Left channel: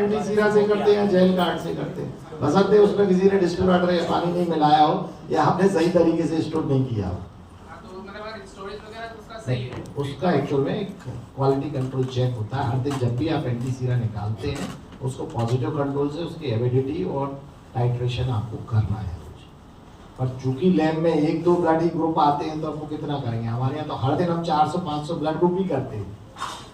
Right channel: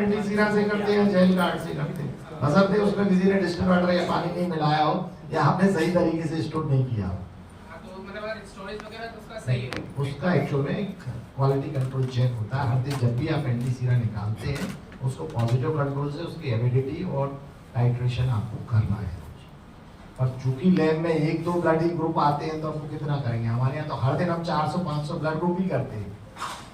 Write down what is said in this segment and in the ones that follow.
Antisera से करते हैं, जेल कार्ड से करते हैं, बशर्ते उसमें किसी ने डिस्टिल वाटर या पानी नहीं मिलाया हो या आपने सही तरीके से स्टोर नहीं किया हो। तो मतलब स्टोरेज वगैरह तो उसका सही है, उसका एक्चुअल में एक क्वालिटी कंट्रोल चेक होता है हर दिन। जब भी आप एंटीसीरा निकालते हैं उसको पॉजिटिव कंट्रोल से उसकी एविडिटी और टाइट्रेशन आपको करना है। पर चूंकि लैब में 1-2 ब्लड ग्रुप आते हैं तो आपको कितना करेंगे, हमारे यहाँ तो हर दिन हम 400-500 ब्लड ग्रुप ही करते हैं।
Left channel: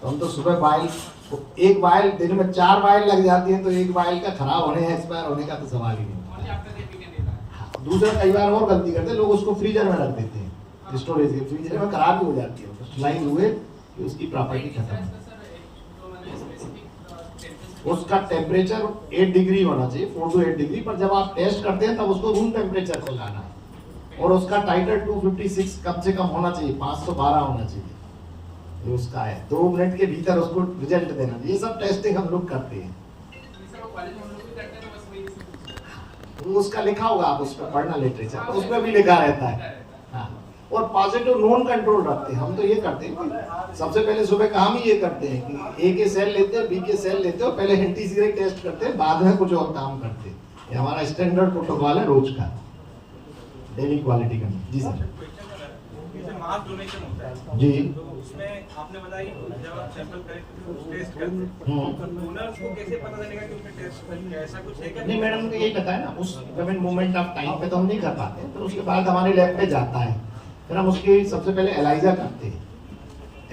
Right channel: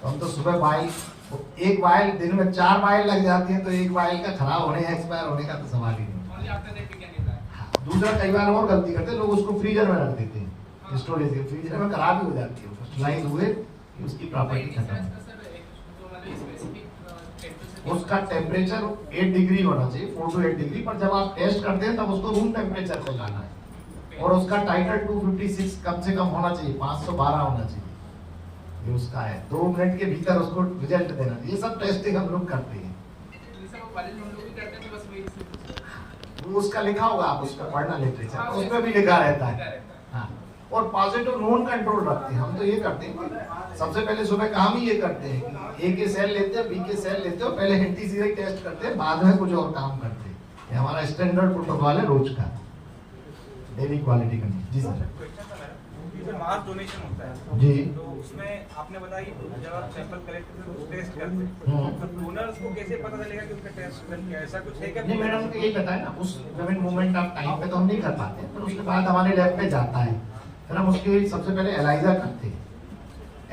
तो हम तो सुबह वाइल, तो एक वाइल दिन में 4 वाइल लग जाती है, तो एक वाइल का खराब होने या एक्सपायर होने का तो सवाल ही नहीं। दूसरा कई बार और गलती करते हैं लोग, उसको फ्रीजर में रख देते हैं, स्टोरेज के फ्रीजर में खराब ही हो जाती है, क्रिस्टलाइज हुए कि उसकी प्रॉपर्टी खत्म है। उसका टेम्परेचर 8 डिग्री होना चाहिए, 4 to 8 डिग्री, पर जब आप टेस्ट करते हैं तब उसको रूम टेम्परेचर पे लाना है। और उसका टाइटर 256 कम से कम होना चाहिए, 512 होना चाहिए, ये उसका है। 2 मिनट के भीतर उसको रिजल्ट देना। ये सब टेस्टिंग हम लोग करते हैं। वो उसका लिखा होगा, आप उसमें पढ़ना लिटरेचर, उसमें भी लिखा रहता है। हाँ, और पॉजिटिव नॉन कंट्रोल रखते हैं। हम तो ये करते हैं सबसे पहले सुबह काम ही ये करते हैं कि ए के सेल लेते हैं, बी के सेल लेते हैं, पहले एंटीसीरा टेस्ट करते हैं, बाद में कुछ और काम करते हैं। ये हमारा स्टैंडर्ड प्रोटोकॉल है रोज का, डेली क्वालिटी कंट्रोल। जी सर। मास डोनेशन होता है जी, तो उसमें आपने बताया जब सैंपल कलेक्ट करते हैं टेस्ट करते हैं, डोनर्स को कैसे पता चलेगा कि उनका टेस्ट बन गया, ऐसा कुछ है क्या? नहीं मैडम, यही पता है ना, उस गिवन मोमेंट ऑफ टाइम पे तो हम नहीं कर पाते हैं, तो उसके बाद हमारे लैब पे जाता है, फिर हम उसके सबसे पहले एलाइजा करते हैं।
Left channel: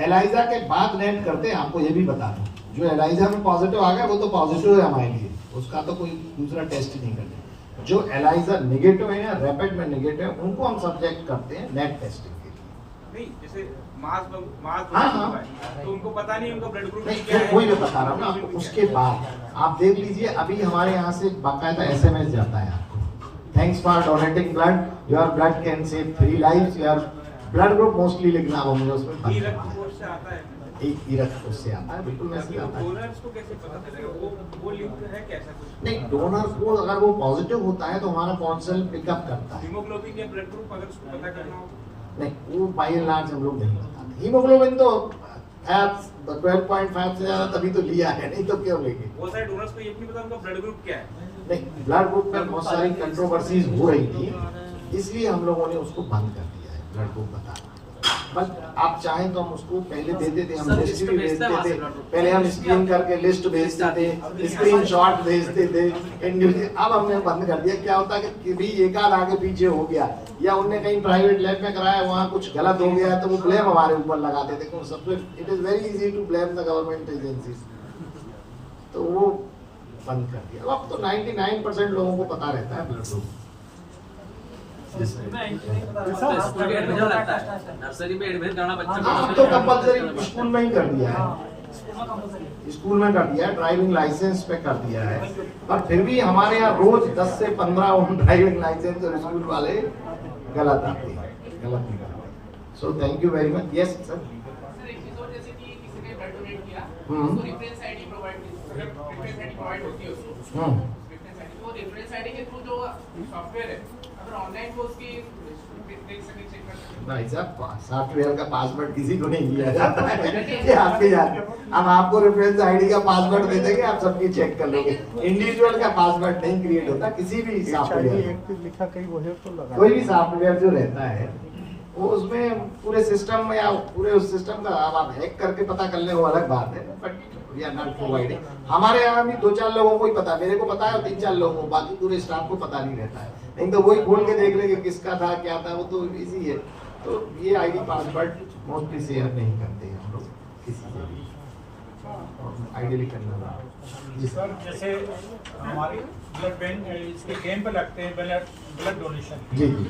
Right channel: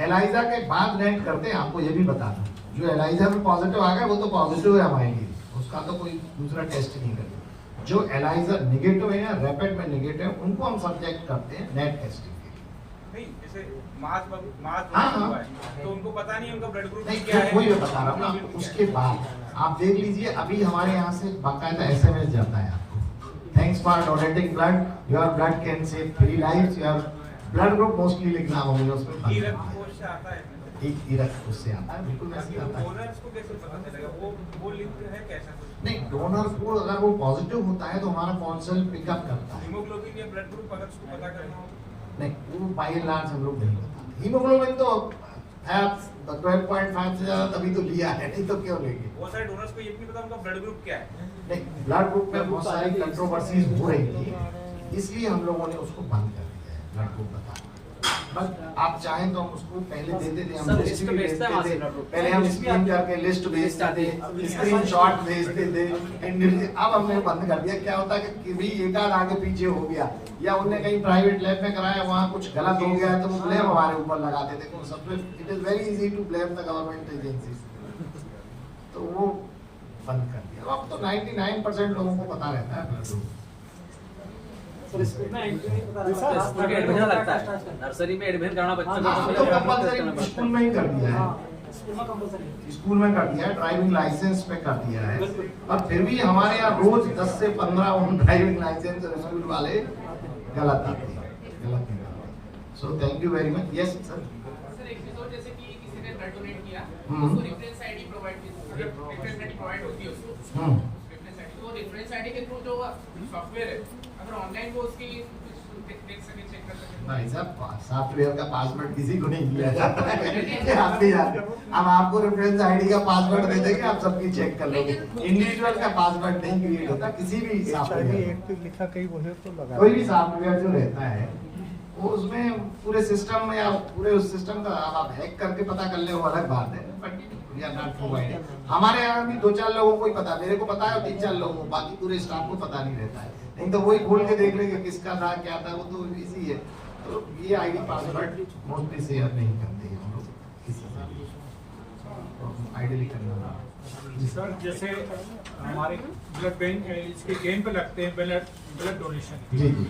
एलाइजा के बाद नेट करते हैं। आपको ये भी बता दूं, जो एलाइजा में पॉजिटिव आ गया वो तो पॉजिटिव है हमारे लिए, उसका तो कोई दूसरा टेस्ट ही नहीं करते। जो एलाइजा नेगेटिव है या रैपिड में नेगेटिव है, उनको हम सब्जेक्ट करते हैं नेट टेस्टिंग के लिए। नहीं, जैसे मास हाँ, हुआ है तो उनको पता नहीं उनका ब्लड ग्रुप नहीं, क्या है। वही मैं बता रहा हूँ ना आपको। उसके बाद आप देख लीजिए, अभी हमारे यहाँ से बाकायदा SMS जाता है आपको, thanks for donating blood, your blood can save 3 lives, your blood group mostly लिखना होंगे उसमें। रक्त से आता है, एक रक्त से आता है, बिल्कुल वैसे आता है। डोनर्स को कैसे पता चलेगा, वो लिंक है कैसा कुछ? नहीं, डोनर को अगर वो पॉजिटिव होता है तो हमारा कौंसल पिकअप करता है। हीमोग्लोबिन या ब्लड ग्रुप अगर उसको पता करना हो नहीं, वो बाय एंड लार्ज हम लोग नहीं बताते। हीमोग्लोबिन तो 12.5 से ज्यादा तभी तो लिया है, नहीं तो क्यों लेंगे। वो सारे डोनर्स को ये नहीं पता उनका ब्लड ग्रुप क्या है। नहीं, ब्लड ग्रुप में बहुत सारी कंट्रोवर्सीज हो रही थी, इसलिए हम लोगों ने उसको बंद कर दिया है ब्लड ग्रुप बताना। बस आप चाहें तो हम उसको पहले देते थे, हम लिस्ट भी भेजते थे, पहले हम स्क्रीन करके लिस्ट भेजते थे, स्क्रीनशॉट भेजते थे। अब हमने बंद कर दिया। क्या होता है कि भी एक आध आगे पीछे हो गया या उनने कहीं प्राइवेट लैब में कराया, वहाँ कुछ गलत हो गया तो वो ब्लेम हमारे ऊपर लगाते थे। सबसे it is very easy to blame the government agencies, तो वो बंद कर दिया। अब तो 99% लोगों को पता रहता है ब्लड ग्रुप। नर्सरी में एडमिशन करना बच्चा तो कंपलसरी स्कूल में ही कर दिया है, स्कूल में कर दिया है, ड्राइविंग लाइसेंस में कर दिया है। पर फिर भी हमारे यहाँ रोज 10 से 15 ड्राइविंग लाइसेंस और स्कूल वाले गलत आते हैं, गलत नहीं करते। So thank you very much. Yes sir. जैसे कि किसी ने ब्लड डोनेट किया, उसको रेफरेंस आईडी प्रोवाइड की, अगर रेफरेंस आईडी प्रोवाइड होती है उसको, रेफरेंस आईडी, तो रेफरेंस आईडी के थ्रू जो सॉफ्टवेयर है, अगर ऑनलाइन वो उसकी देख सके, चेक कर सके। भाई साहब, सॉफ्टवेयर का पासवर्ड किसी को नहीं दिया जाता है, ये आप नहीं जानते। हम आपको रेफरेंस आईडी का पासवर्ड दे देंगे, आप सबकी चेक कर लोगे। इंडिविजुअल का पासवर्ड नहीं क्रिएट होता किसी भी सॉफ्टवेयर, लिखा कहीं वो है तो लगा कोई भी सॉफ्टवेयर जो रहता है वो उसमें पूरे सिस्टम में या पूरे उस सिस्टम का आप हैक करके पता कर ले, वो अलग बात है, but we are not providing. हमारे यहाँ भी 2-4 लोगों को ही पता, मेरे को पता है, 3-4 लोगों को, बाकी पूरे स्टाफ को पता नहीं रहता है। नहीं तो वही खोल के देख लेंगे किसका था क्या था, वो तो इजी है। तो ये आईडी पासवर्ड मोस्टली शेयर नहीं करते हैं हम लोग किसी से भी, आइडियली करना। जी सर, जैसे हमारी ब्लड बैंक है, इसके कैंप लगते हैं ब्लड डोनेशन। जी जी।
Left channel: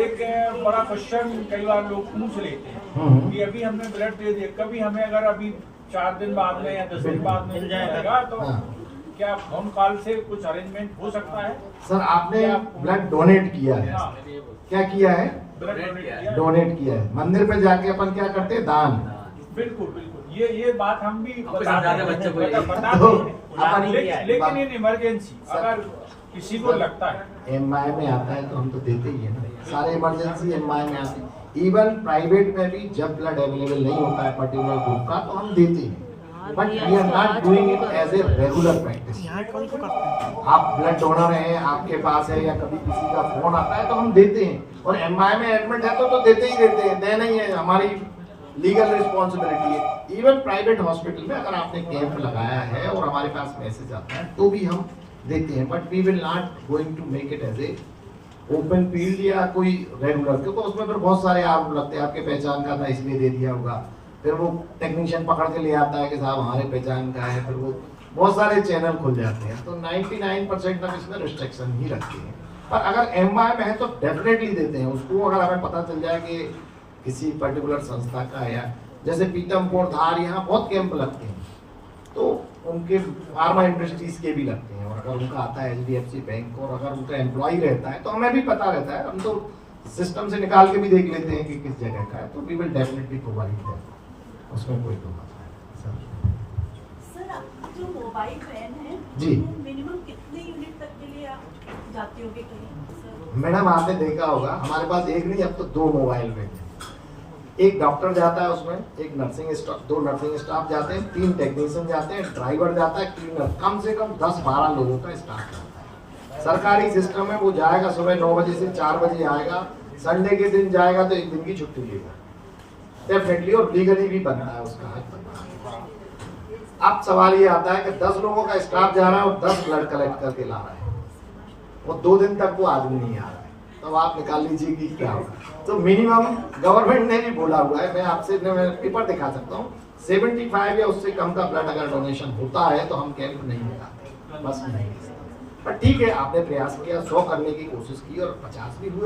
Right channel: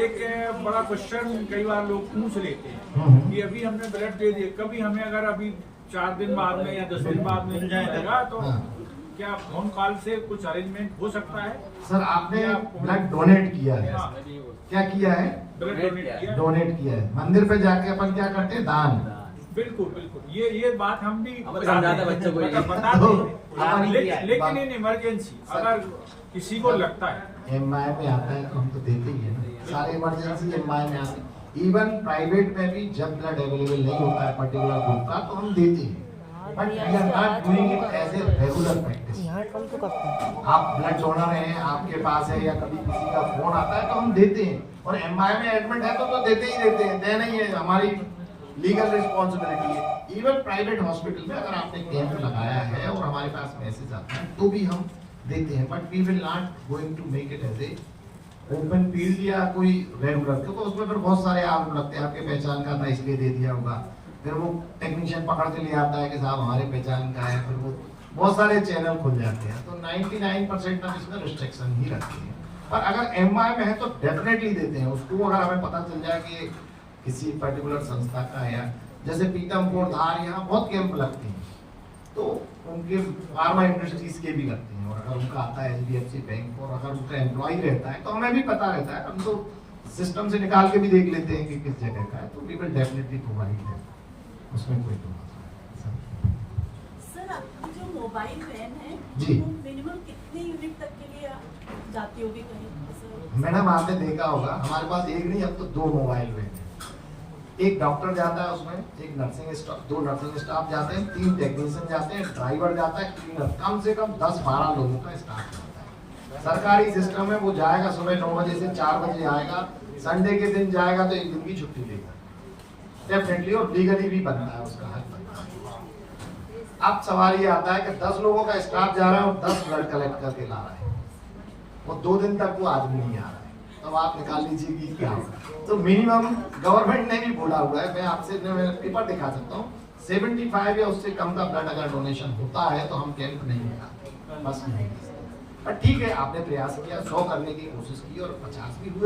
एक बड़ा क्वेश्चन कई बार लोग पूछ लेते हैं कि अभी हमने ब्लड दे दिया, कभी हमें अगर अभी 4 दिन बाद में या 10 दिन बाद मिल जाएगा तो क्या फोन कॉल से कुछ अरेंजमेंट हो सकता है? सर आपने ब्लड डोनेट किया है, क्या किया है? ब्लड डोनेट किया है। मंदिर पे जाके अपन क्या करते हैं? दान। बिल्कुल बिल्कुल, ये बात हम भी समझाते हैं बच्चों को, लेकिन इन इमरजेंसी अगर किसी को लगता है एमआई में आता है तो हम तो देते ही है ना, सारे इमरजेंसी एमआई में आते हैं। इवन प्राइवेट में भी जब ब्लड अवेलेबल नहीं होता है पर्टिकुलर ग्रुप का तो हम देते हैं, but we are not doing it as a regular practice. आप ब्लड डोनर हैं, आपके पास है या कभी किसी का फोन आता है तो हम देते हैं, और एमआई में एडमिट है तो देते ही देते हैं, देना ही है, हमारी लीगल रिस्पॉन्सिबिलिटी है। इवन प्राइवेट हॉस्पिटल में अगर आपने कैंप लगाया है और हमारे पास मैसेज आता है तो भी हम देते हैं, but we will not going to make it as a open field या कोई रेगुलर, क्योंकि उसमें फिर बहुत सारे आरोप लगते हैं, आपके पहचान का था इसलिए दे दिया होगा, फिर वो टेक्नीशियन पकड़ के ले आता है कि साहब हमारे पहचान का है, फिर वो बहुत सारे चैनल खुल जाते हैं। तो 99% हम इसमें रिस्ट्रिक्शन ही रखते हैं, पर अगर एमआई में है तो डेफिनेटली देते हैं उसको। अगर हमें पता चल जाए कि किसी पर्टिकुलर संस्था का है, जैसे पीतमपुर, धार, यहाँ बहुत कैंप लगते हैं तो उनके फार्मा इंडस्ट्रीज के भी लगते हैं, और अगर उनका आता है HDFC बैंक और अगर उनका एम्प्लॉय रहता है तो हमें भी पता रहता है, हम तो सिस्टम से निकाल के भी देख लेते हैं कि किस जगह का है, तो we will definitely provide that, उसमें कोई तो बात नहीं। सर आपकी जो मोबाइल वैन है जी। वो मिनिमम कितने यूनिट तक के लिए आप जाती होगी कहीं? मैडम आपने देखा होगा हमारे पास एक नहीं अब तो 2 मोबाइल वैन है, एक डॉक्टर जाता है उसमें, एक नर्सिंग स्टाफ, 2 नर्सिंग स्टाफ जाते हैं, 3 टेक्नीशियन जाते हैं, ड्राइवर जाता है, क्लीनर, कम से कम 10-12 लोगों का स्टाफ जाता है। सरकारी सिस्टम में वो जाएगा सुबह 9 बजे से 4 बजे आएगा, संडे के दिन जाएगा तो 1 दिन की छुट्टी लेगा डेफिनेटली, और लीगली भी बनता है उसका। अब सवाल ये आता है कि 10 लोगों का स्टाफ जा रहा है और 10 ब्लड कलेक्ट करके ला रहा है, वो 2 दिन तक वो आदमी नहीं आ रहा है, तो आप निकाल लीजिए कि क्या होगा। तो मिनिमम गवर्नमेंट ने भी बोला हुआ है, मैं आपसे पेपर दिखा सकता हूँ, 75 या उससे कम का ब्लड अगर डोनेशन होता है तो हम कैंप नहीं लगाते, बस नहीं। पर ठीक है, आपने प्रयास किया, 100 करने की कोशिश की और 50 भी हुए।